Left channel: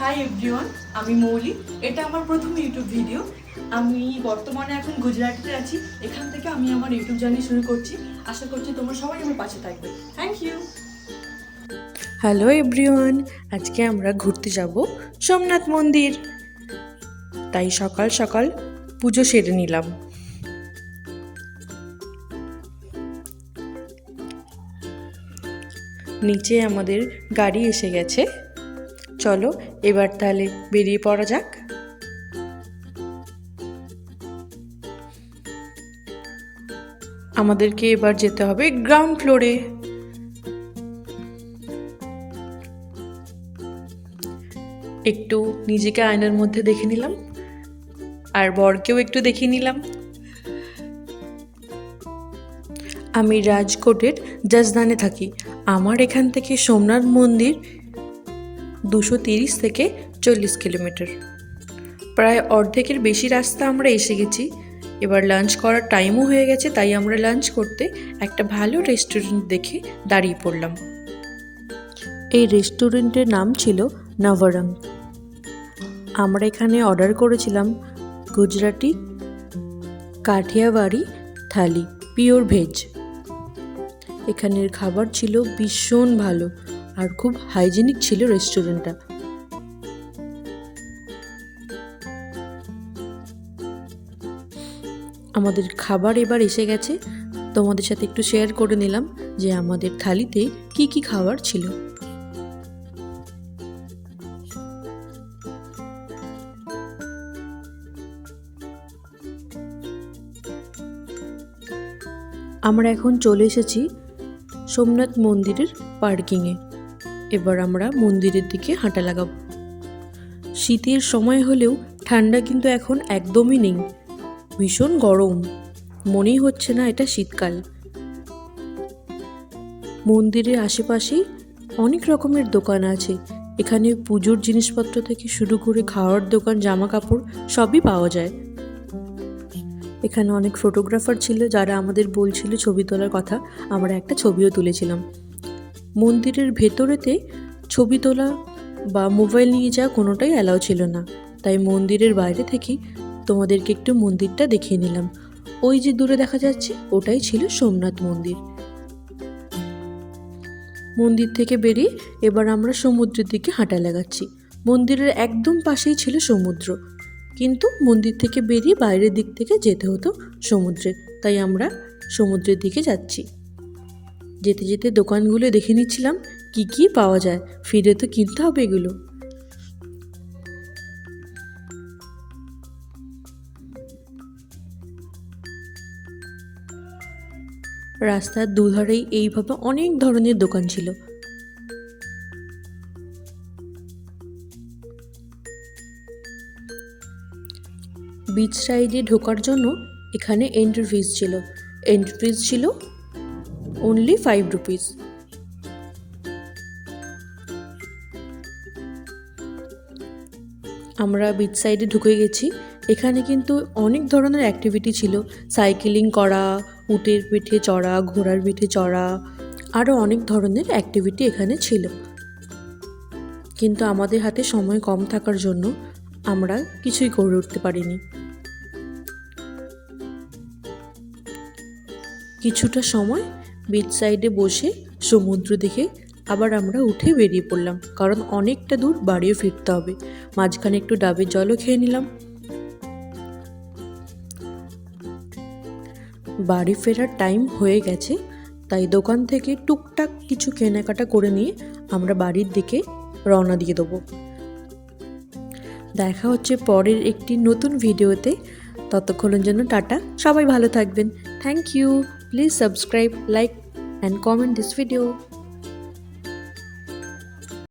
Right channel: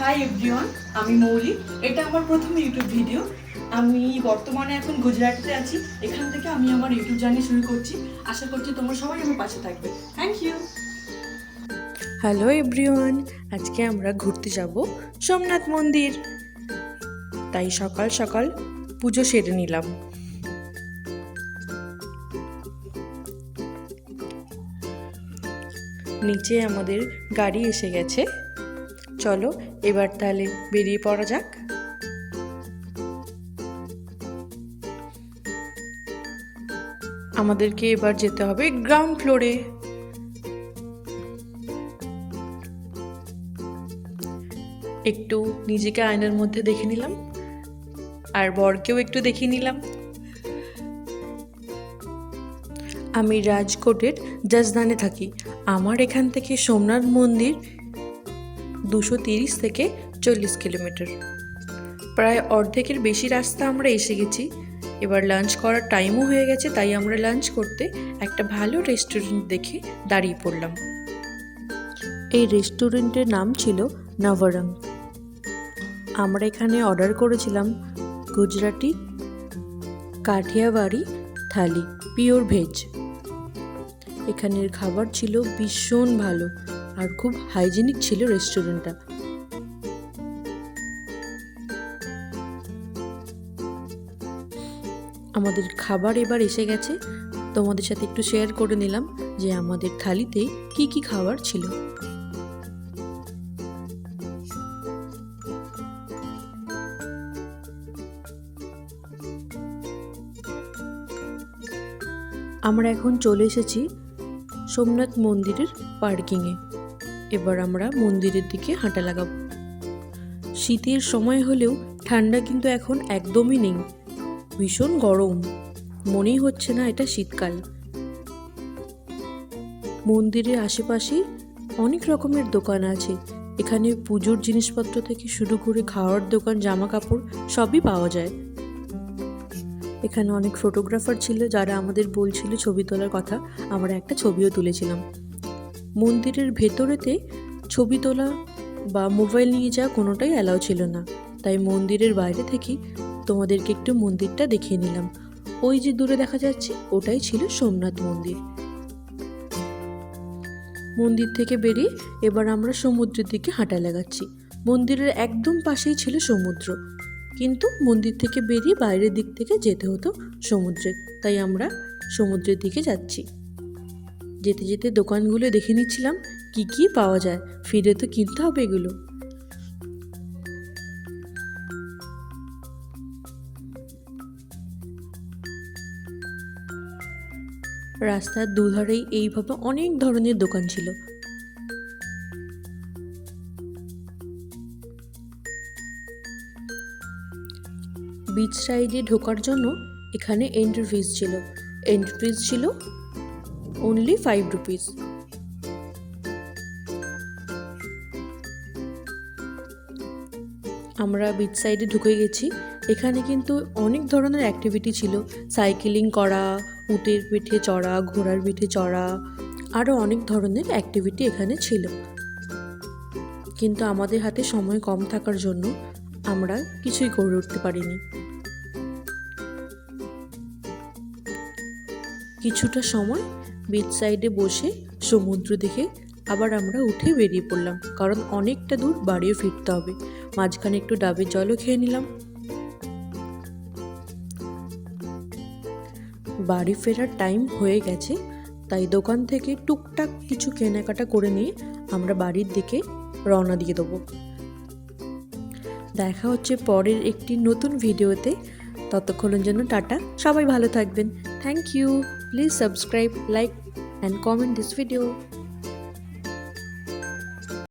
Hi everyone, আমি মৌলি। এটা আমার প্রথম ইউটিউব ভিডিও। আমি বর্তমানে এখন গুজরাটিতে আছি। এখান থেকে আমি আমার ইউটিউব জার্নি শুরু করছি। আশা করছি তোমরা সবাই আমার পাশে থাকবে। Thank you. হ্যালো এভরিওয়ান, আজকে আমরা ঘুরতে যাব সোমনাথ মন্দির। তাই সকাল সকাল পুজো সেরে নিলাম। নিচে আমাদের গাড়ি এসে গেছে। চলো এবার তাহলে বেরিয়ে পড়া যাক। আমাদেরকে এবার যেতে হবে গ্রাউন্ড ফ্লোরে। একটু নিজেকে আয়নার মধ্যে দেখে নিলাম, আর বরকেও একটু দেখিয়ে নিলাম। আমি রাজকোটের জজদানে থাকি। আমার এখান থেকে সোমনাথ মন্দির 230 থেকে 40 কিলোমিটার। প্রায় অর্ধেকের বেশি রাস্তা আমরা এসে গেছি। এবার লাঞ্চ করার টাইমও হয়ে গেছে, তাই আমরা লাঞ্চ করতে একটা ভালো রেস্টুরেন্ট দেখে দাঁড়িয়ে পড়লাম। এই রেস্টুরেন্টের নাম ছিল নবরং। আমরা এখানে অর্ডার করেছিলাম গুজরাটি কাঠিয়াওয়াড়ি থালি, পিওর ভেজ। এখানের খাবার ছিল ভীষণ ভালো আর খুব হাইজেনিক ছিল রেস্টুরেন্টটা। আমাদের খাবার এবার এসে গেছে। তোমাদের সাথে একটু শেয়ার করে নিলাম যে আমাদের থালিতে কি কি খাবার ছিল। আমরা এখন চলে এসেছি সোমনাথ মন্দিরের পার্কিংয়ে। এবার আমরা মন্দিরের দিকে হাঁটা লাগাবো। শীতের সময় হলেও ঠান্ডা কিন্তু এখন একদমই নেই। ভীষণ গরম, মনেই হচ্ছে না এটা শীতকাল। মন্দিরের আশেপাশে অনেক রকমের দোকান আছে। এখানে পুজোর জিনিসপত্র থেকে শুরু করে খাওয়ার দোকান, জামা কাপড় সবই পাওয়া যায়। এখানে অনেক ফটোগ্রাফার ছিল যারা আমাদের বলছিল ছবি তোলার কথা। আমরা একটা ছবিও তুলেছিলাম। মন্দিরের ভেতরেতে ছবি তোলা বা মোবাইল নিয়ে যাওয়া কোনোটাই অ্যালাউ ছিল না, তাই মন্দিরের বাইরে থেকে তোমাদেরকে একটু মন্দিরটা দেখিয়ে নিলাম। ওই যে দূরে দেখা যাচ্ছে ওটাই ছিল সোমনাথ মন্দির। মন্দির থেকে বেরিয়ে এবার আমরা সমুদ্রের দিকে হাঁটা লাগাচ্ছি। মন্দিরের একদম পাশেই ছিল সমুদ্র, কিন্তু মন্দির থেকে বেরিয়ে বাইরের দিক থেকে যেতে হতো সমুদ্রে, তাই আমরা সমুদ্রের দিকে যাচ্ছি। যেতে যেতে দোকানগুলো দেখে নিচ্ছিলাম কি কি পাওয়া যায়, ফিরে তো কিনতে হবে এগুলো। রাস্তার দুধারেই এইভাবে অনেক ধরনের দোকান ছিল। বিচ সাইডে ঢোকার জন্য এখানে এন্ট্রি ফিস ছিল। এন্ট্রি ফিস ছিল অনলি 5 রুপিস। আমরা বিচ সাইডে ঢুকে গেছি। এখানে কিন্তু অনেক ধরনের অ্যাক্টিভিটি ছিল। সাইকেলিং করা, উটের পিঠে চড়া, ঘোড়ার পিঠে চড়া, আরও অনেক ধরনের অ্যাক্টিভিটি এখানে ছিল। কিন্তু আমাদের হাতে সময় কম থাকার জন্য আমরা কিছুই করে উঠতে পারিনি। কিছুটা সময় বিচ সাইডে বসে সমুদ্র দেখে আবার আমরা উঠে বেরিয়ে পড়লাম, কারণ অনেকটা দূর বাড়িও ফিরতে হবে। মাঝখানে একটু ডাবের জলও খেয়ে নিলাম। বাড়ি ফেরার টাইম হয়ে গেছে, তাই দোকান থেকে টুকটাক কিছু কেনাকাটা করে নিয়ে আমরা বাড়ির দিকে রওনা দিয়ে দেবো। দেখা হচ্ছে পরের একটি নতুন ভিডিওতে। ততক্ষণের জন্য টাটা, সবাই ভালো থাকবেন। Thank you. Please subscribe, like and comment this video.